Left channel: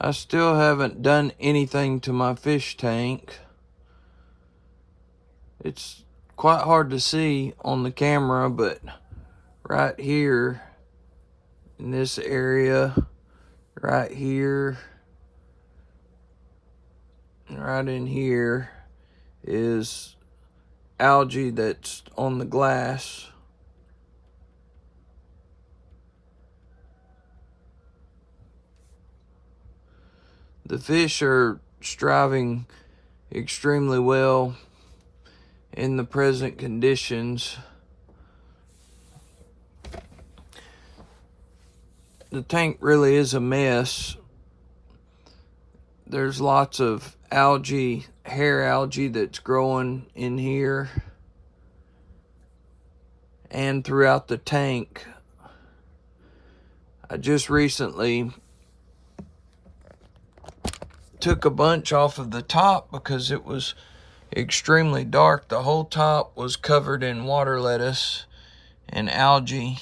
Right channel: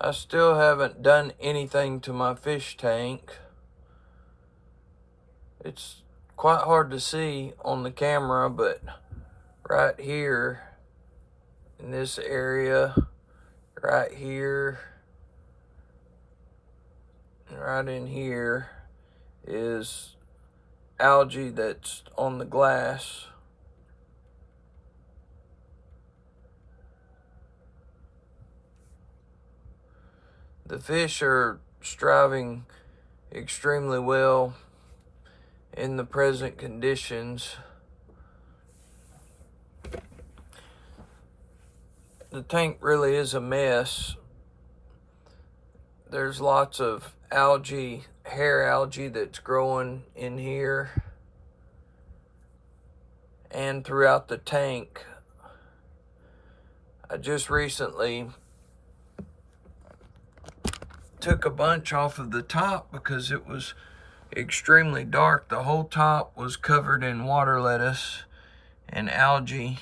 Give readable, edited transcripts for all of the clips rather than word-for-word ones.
I still haven't done anything to my fish tank. It's quite hard to see on the camera, but right here in this area, right here, and right in here is algae that's on the glass. The fish are striving extremely well in the present conditions. The tank really is a mess. There's lots of algae, hair algae that's growing in here and throughout the tank. I just recently took a bunch off of the top because it was extremely dark. The whole top was covered in water lettuce and algae.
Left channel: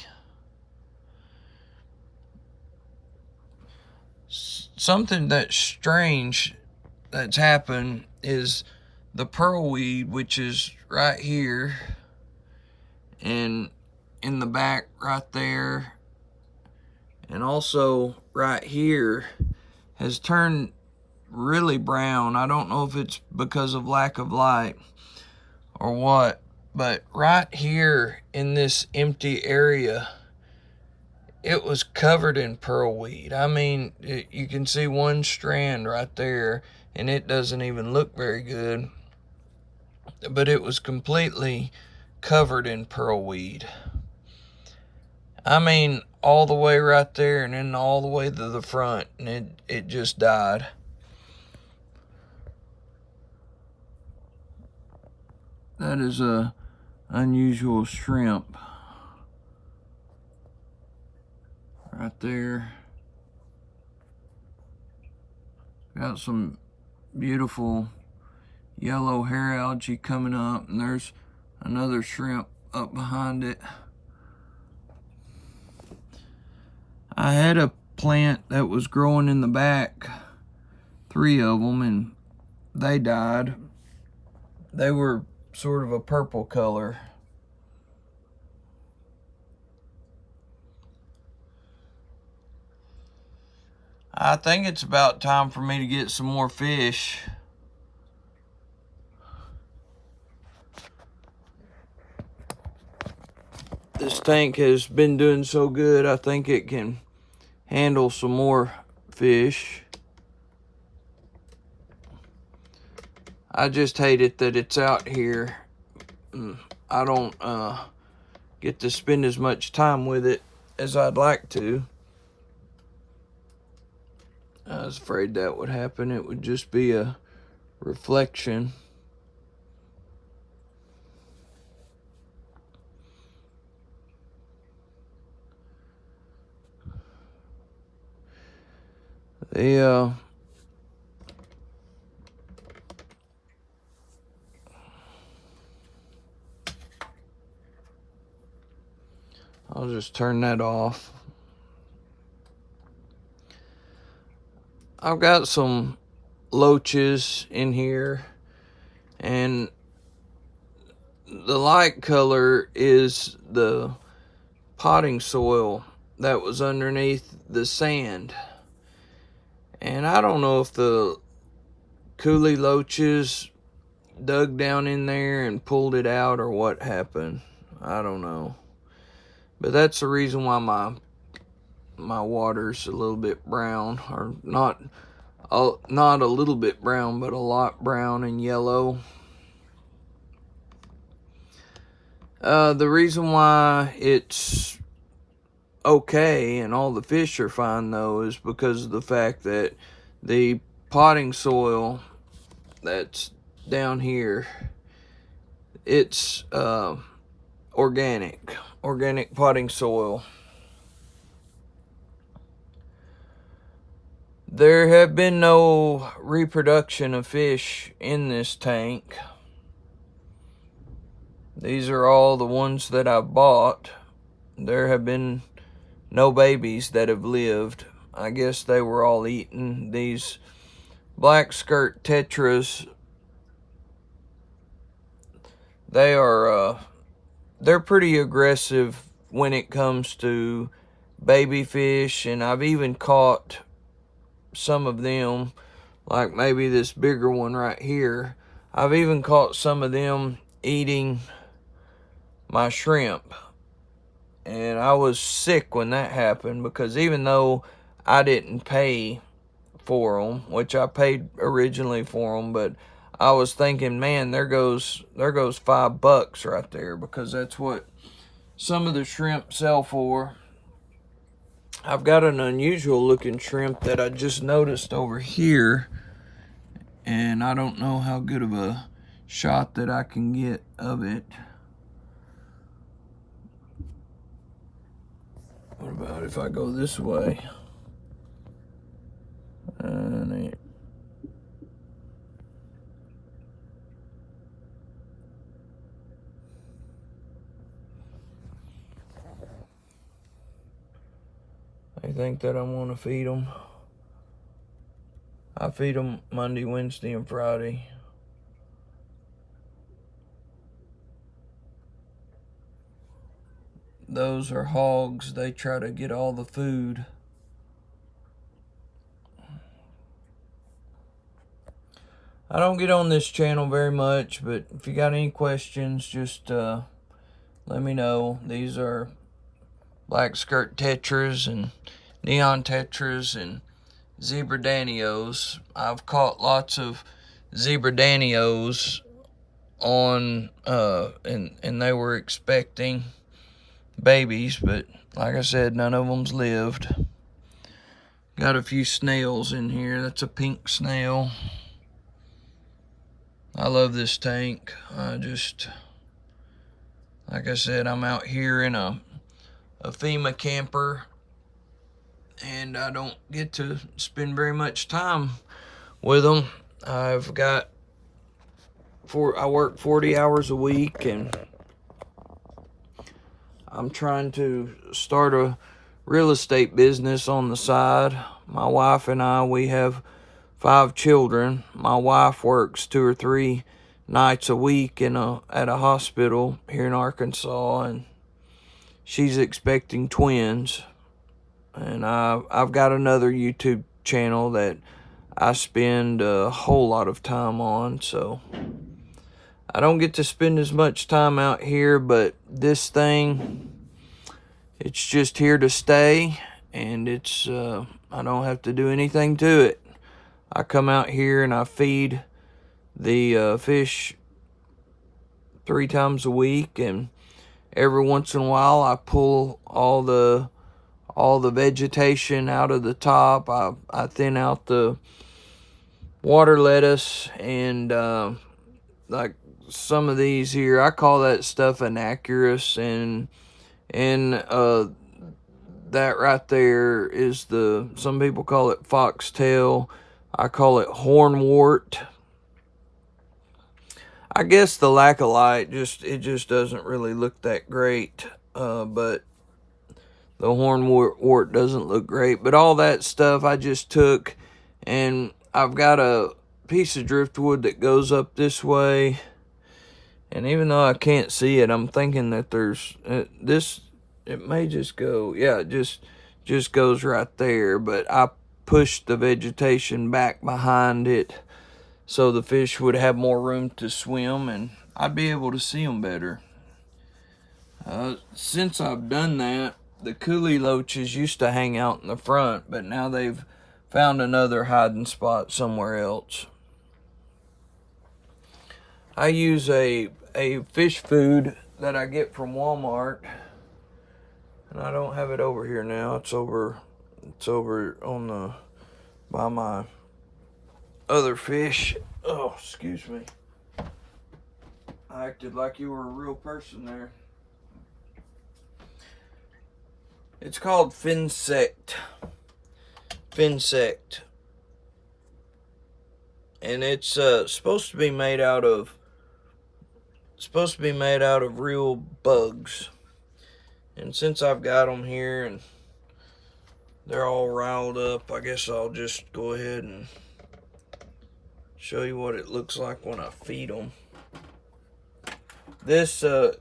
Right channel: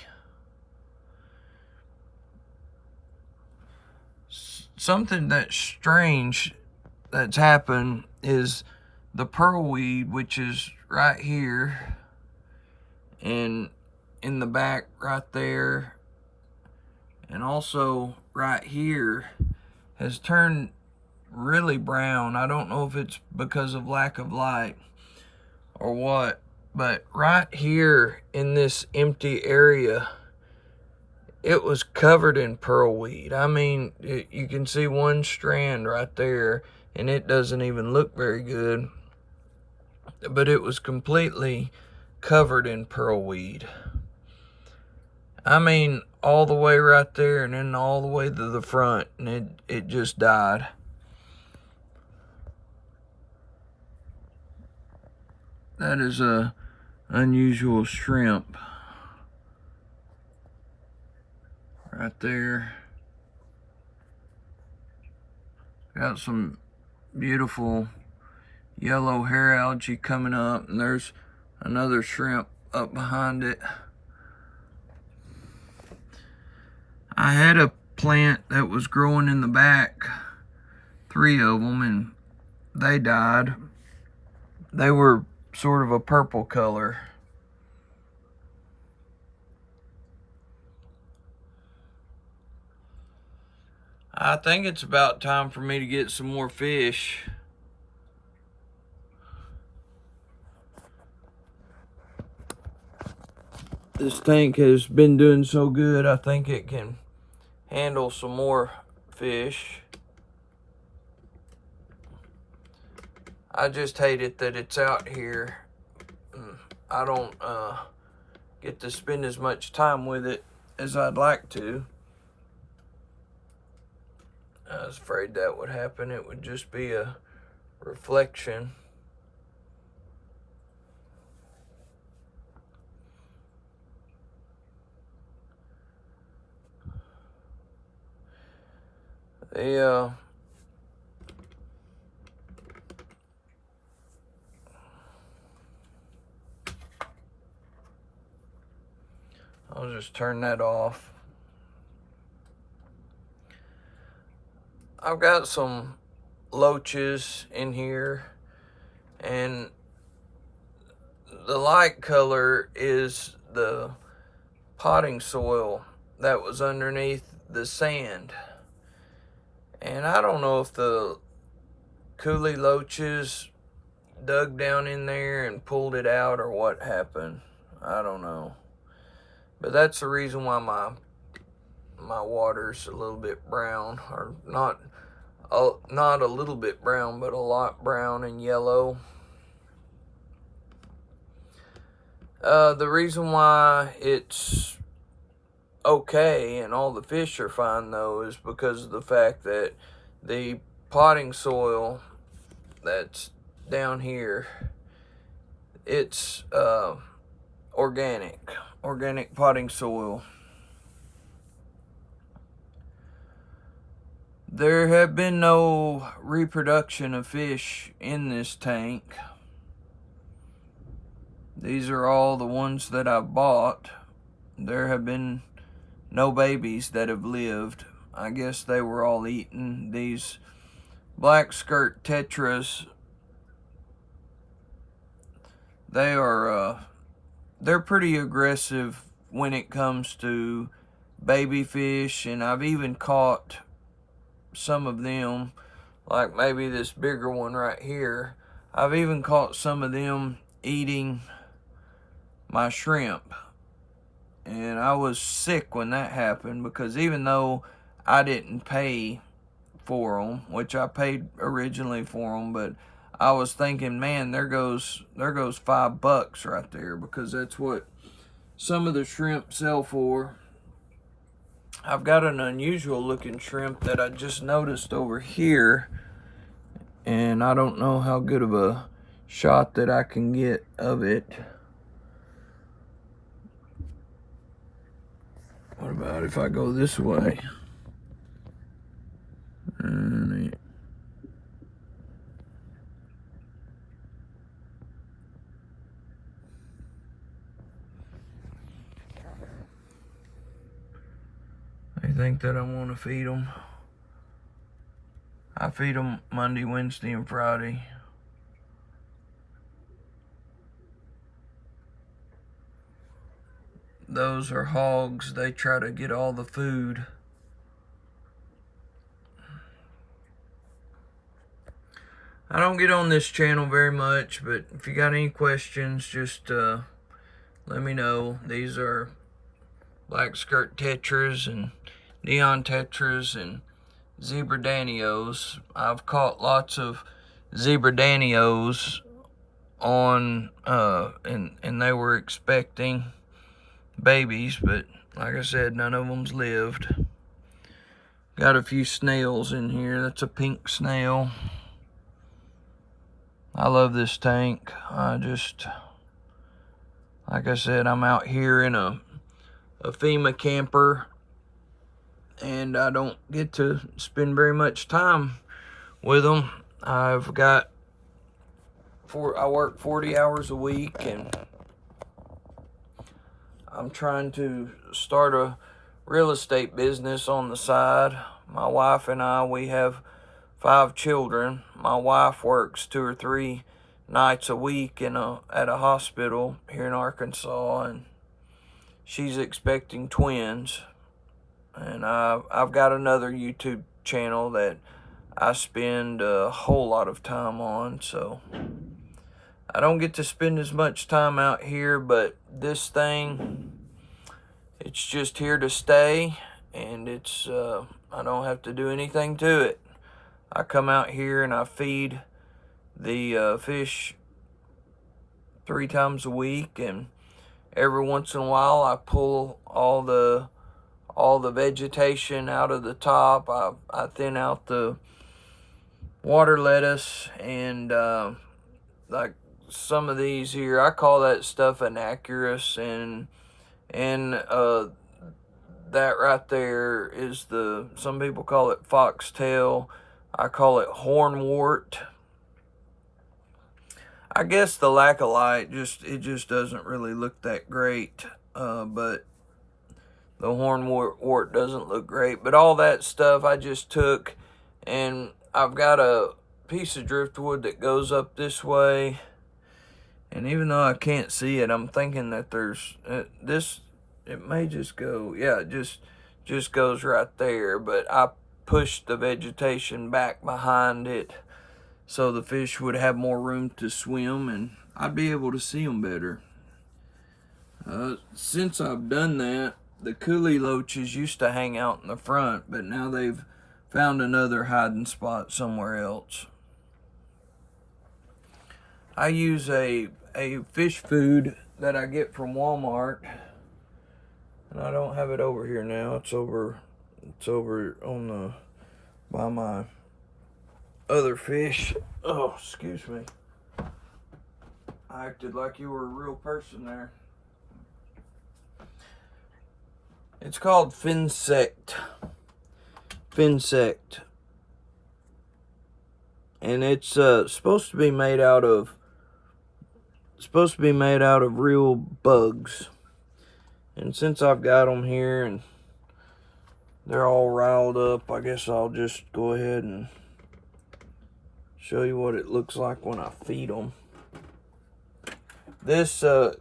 Something that's strange that's happened is the pearlweed, which is right here and in the back right there, and also right here, has turned really brown. I don't know if it's because of lack of light or what, but right here in this empty area, it was covered in pearlweed. I mean, you can see one strand right there, and it doesn't even look very good, but it was completely covered in pearlweed. I mean, all the way right there and then all the way to the front, and it just died. That is a unusual shrimp right there. Got some beautiful yellow hair algae coming up, and there's another shrimp up behind it. I had a plant that was growing in the back, 3 of them, and they died. They were sort of a purple color. I think it's about time for me to get some more fish. This tank has been doing so good, I think it can handle some more fish. I just hate it that it's out here. I don't get to spend as much time with it as I'd like to. I was afraid that would happen. It would just be a reflection. I'll just turn that off. I've got some loaches in here, and the light color is the potting soil that was underneath the sand. And I don't know if the coolie loaches dug down in there and pulled it out or what happened. I don't know. But that's the reason why my water's a little bit brown, or not a little bit brown, but a lot brown and yellow. The reason why it's okay and all the fish are fine though is because of the fact that the potting soil that's down here, it's organic potting soil. There have been no reproduction of fish in this tank. These are all the ones that I've bought. There have been no babies that have lived. I guess they were all eaten. These black skirt tetras, they're pretty aggressive when it comes to baby fish, and I've even caught some of them, like maybe this bigger one right here. I've even caught some of them eating my shrimp, and I was sick when that happened, because even though I didn't pay for them, which I paid originally for them, but I was thinking, man, there goes $5 right there, because that's what some of the shrimp sell for. I've got an unusual looking shrimp that I just noticed over here, and I don't know how good of a shot that I can get of it. What about if I go this way? And they think that I want to feed them. I feed them Monday, Wednesday, and Friday. Those are hogs. They try to get all the food. I don't get on this channel very much, but if you got any questions, just let me know. These are black skirt tetras and neon tetras and zebra danios. I've caught lots of zebra danios on and they were expecting babies, but like I said, none of them's lived. Got a few snails in here. That's a pink snail. I love this tank. Like I said, I'm out here in a FEMA camper, and I don't get to spend very much time with them. I work 40 hours a week, and I'm trying to start a real estate business on the side. My wife and I, we have 5 children. My wife works 2 or 3 nights a week at a hospital here in Arkansas, and she's expecting twins. And I've got another YouTube channel that I spend a whole lot of time on, so I don't get to spend as much time out here, but this thing, it's just here to stay, and it's I don't have to do anything to it. I come out here and I feed the fish 3 times a week, and every once in a while I pull all the vegetation out of the top. I thin out the water lettuce, and like some of these here, I call that stuff anacarus, and that right there is some people call it foxtail. I call it hornwort. I guess the lack of light just doesn't really look that great, but the hornwort doesn't look great. But all that stuff I just took, and I've got a piece of driftwood that goes up this way, and even though I can't see it, I'm thinking that there's it may just go, yeah, it just goes right there, but I pushed the vegetation back behind it so the fish would have more room to swim, and I'd be able to see them better. Since I've done that, the coolie loaches used to hang out in the front, but now they've found another hiding spot somewhere else. I use a fish food that I get from Walmart, and I don't have it over here now. It's over on by my other fish. Oh, excuse me. I acted like you were a real person there. It's called Finsect. And it's supposed to be made out of real bugs. And since I've got them here, and they're all riled up. I guess I'll just go ahead and show you what it looks like when I feed them. The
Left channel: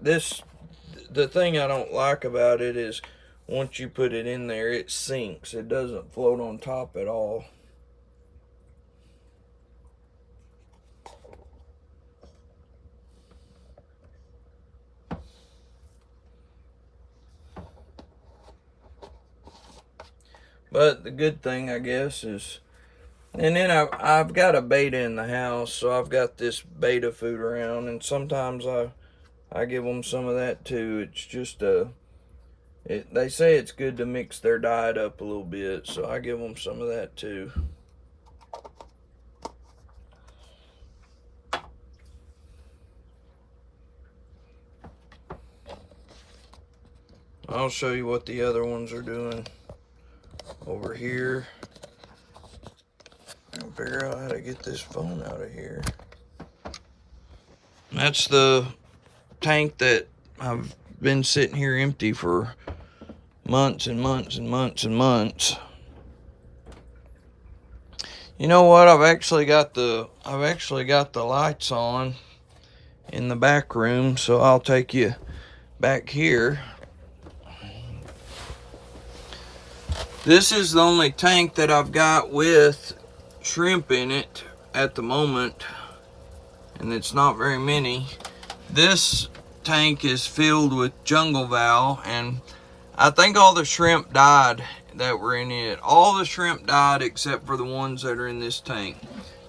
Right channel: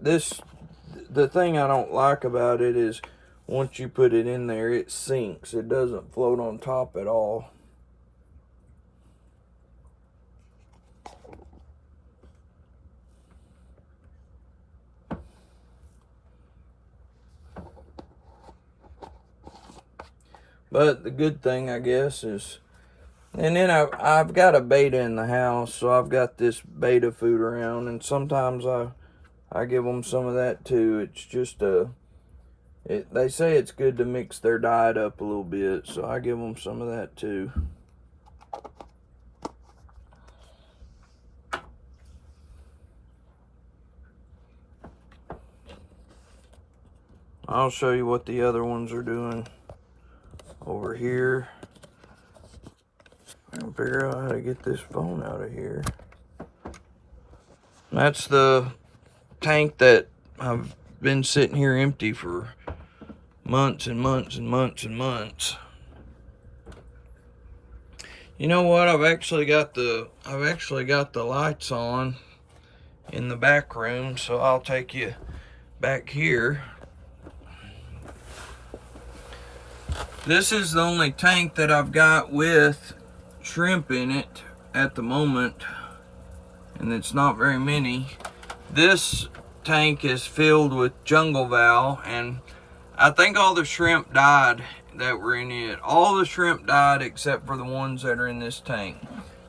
thing I don't like about it is once you put it in there, it sinks. It doesn't float on top at all. But the good thing, I guess, is, and then I've got a beta in the house, so I've got this beta food around, and sometimes I give them some of that too. It's just they say it's good to mix their diet up a little bit, so I give them some of that too. I'll show you what the other ones are doing over here. I'll figure out how to get this phone out of here. That's the tank that I've been sitting here empty for months and months and months and months. You know what? I've actually got the lights on in the back room, so I'll take you back here. This is the only tank that I've got with shrimp in it at the moment, and it's not very many. This tank is filled with jungle val, and I think all the shrimp died that were in it. All the shrimp died except for the ones that are in this tank.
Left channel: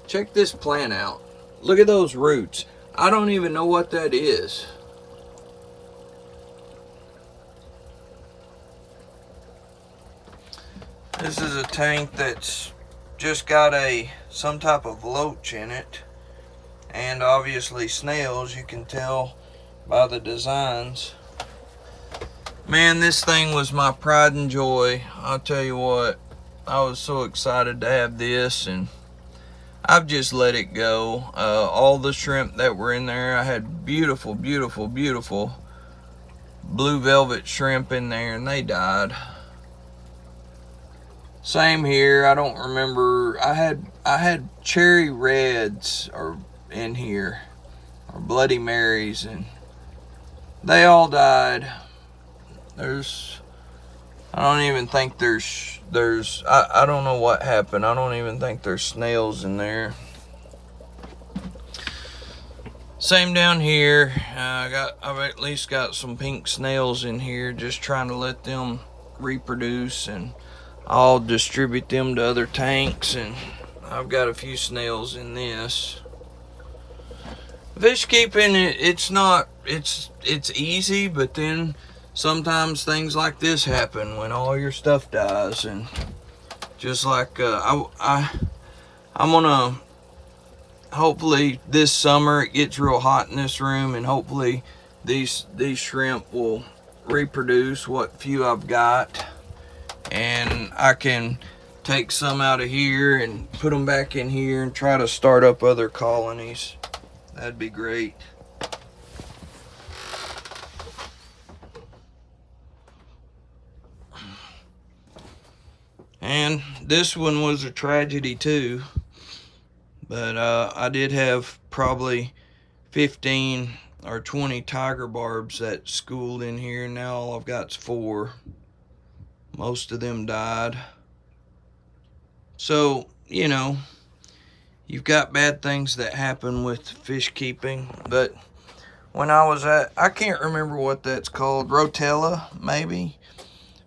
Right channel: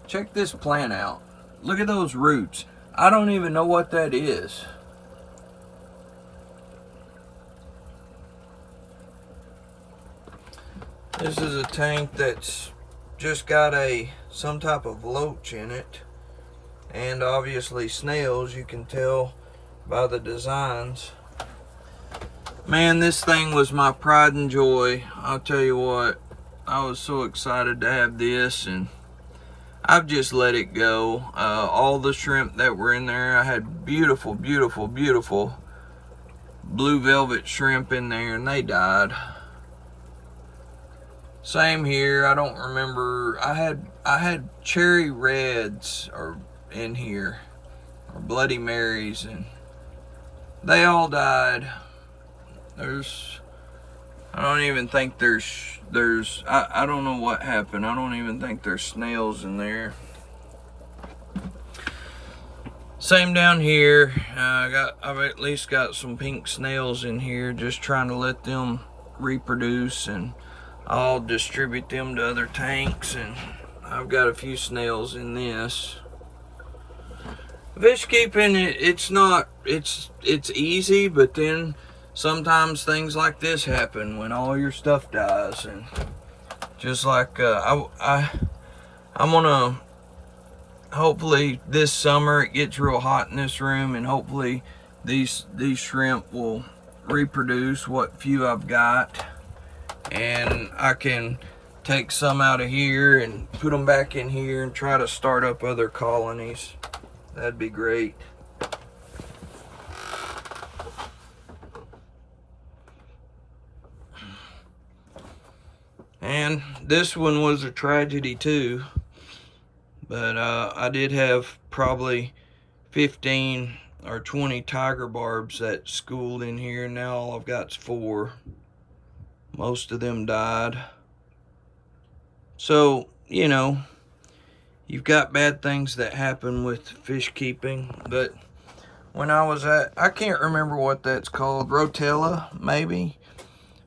Check this plant out. Look at those roots. I don't even know what that is. This is a tank that's just got some type of loach in it, and obviously snails. You can tell by the designs. Man, this thing was my pride and joy. I'll tell you what, I was so excited to have this, and I've just let it go. All the shrimp that were in there, I had beautiful, beautiful, beautiful blue velvet shrimp in there, and they died. Same here. I don't remember. I had cherry reds in here, or Bloody Marys, and they all died. I don't even think I don't know what happened. I don't even think there's snails in there. Same down here. I've at least got some pink snails in here, just trying to let them reproduce, and I'll distribute them to other tanks. And I've got a few snails in this. Fish keeping, it's easy, but then sometimes things like this happen when all your stuff dies. And just like I'm gonna, hopefully this summer it gets real hot in this room, and hopefully these shrimp will reproduce what few I've got, and I can take some out of here and put them back in here and try to start up other colonies. That'd be great. And this one was a tragedy too, but I did have probably 15 or 20 tiger barbs that schooled in here. Now all I've got is 4. Most of them died. So, you know, you've got bad things that happen with fish keeping. But when I can't remember what that's called, Rotella maybe,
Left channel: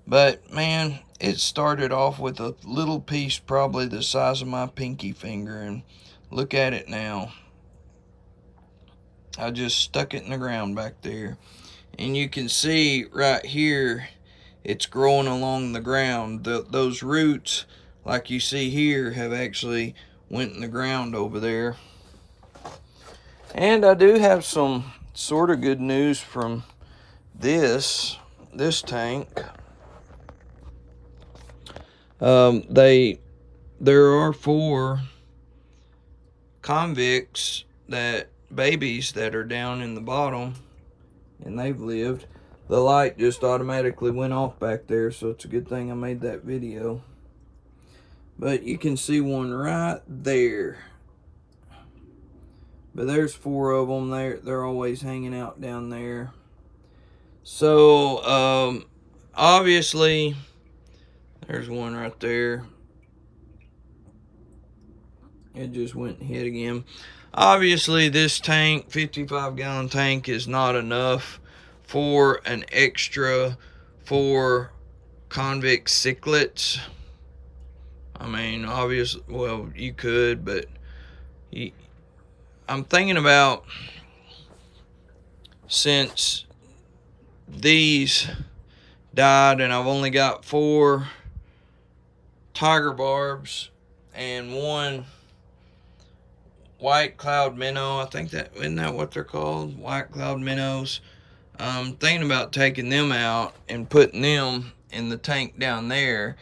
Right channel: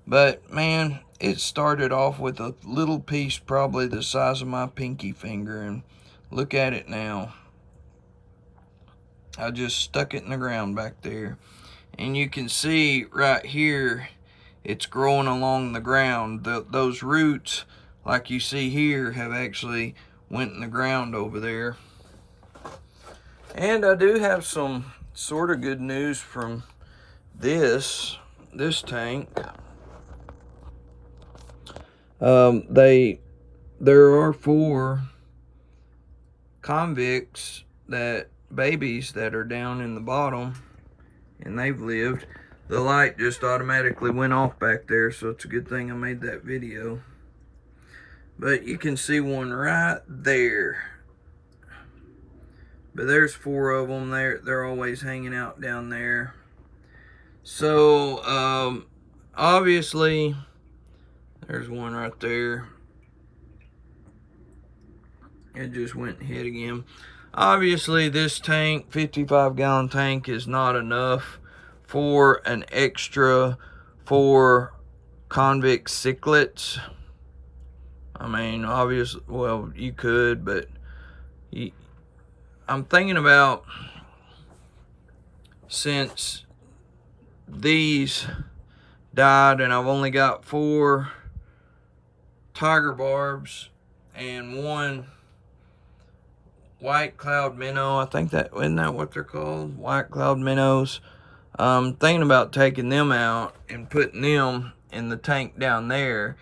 but man, it started off with a little piece probably the size of my pinky finger, and look at it now. I just stuck it in the ground back there, and you can see right here it's growing along the ground. Those roots, like you see here, have actually went in the ground over there. And I do have some sort of good news from this tank. There are 4 convicts, babies that are down in the bottom, and they've lived. the light just automatically went off back there, so it's a good thing I made that video. But you can see one right there. But there's 4 of them. They're always hanging out down there. So obviously there's one right there. It just went and hit again. Obviously this tank, 55-gallon tank, is not enough for an extra 4 convict cichlids. I mean, obviously, well, you could, but I'm thinking about, since these died and I've only got 4 tiger barbs and 1 white cloud minnow. I think that, isn't that what they're called? White cloud minnows. I'm thinking about taking them out and putting them in the tank down there,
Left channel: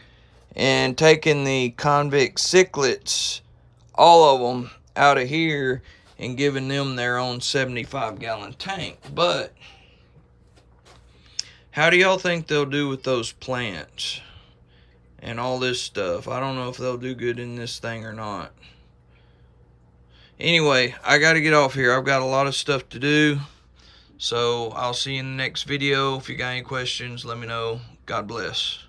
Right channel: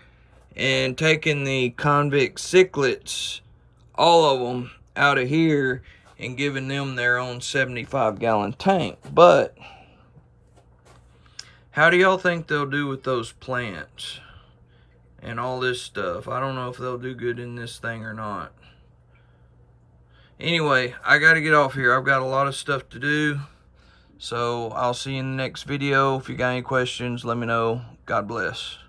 and taking the convict cichlids, all of them, out of here and giving them their own 75-gallon tank. But how do y'all think they'll do with those plants and all this stuff? I don't know if they'll do good in this thing or not. Anyway, I got to get off here. I've got a lot of stuff to do. So I'll see you in the next video. If you got any questions, let me know. God bless.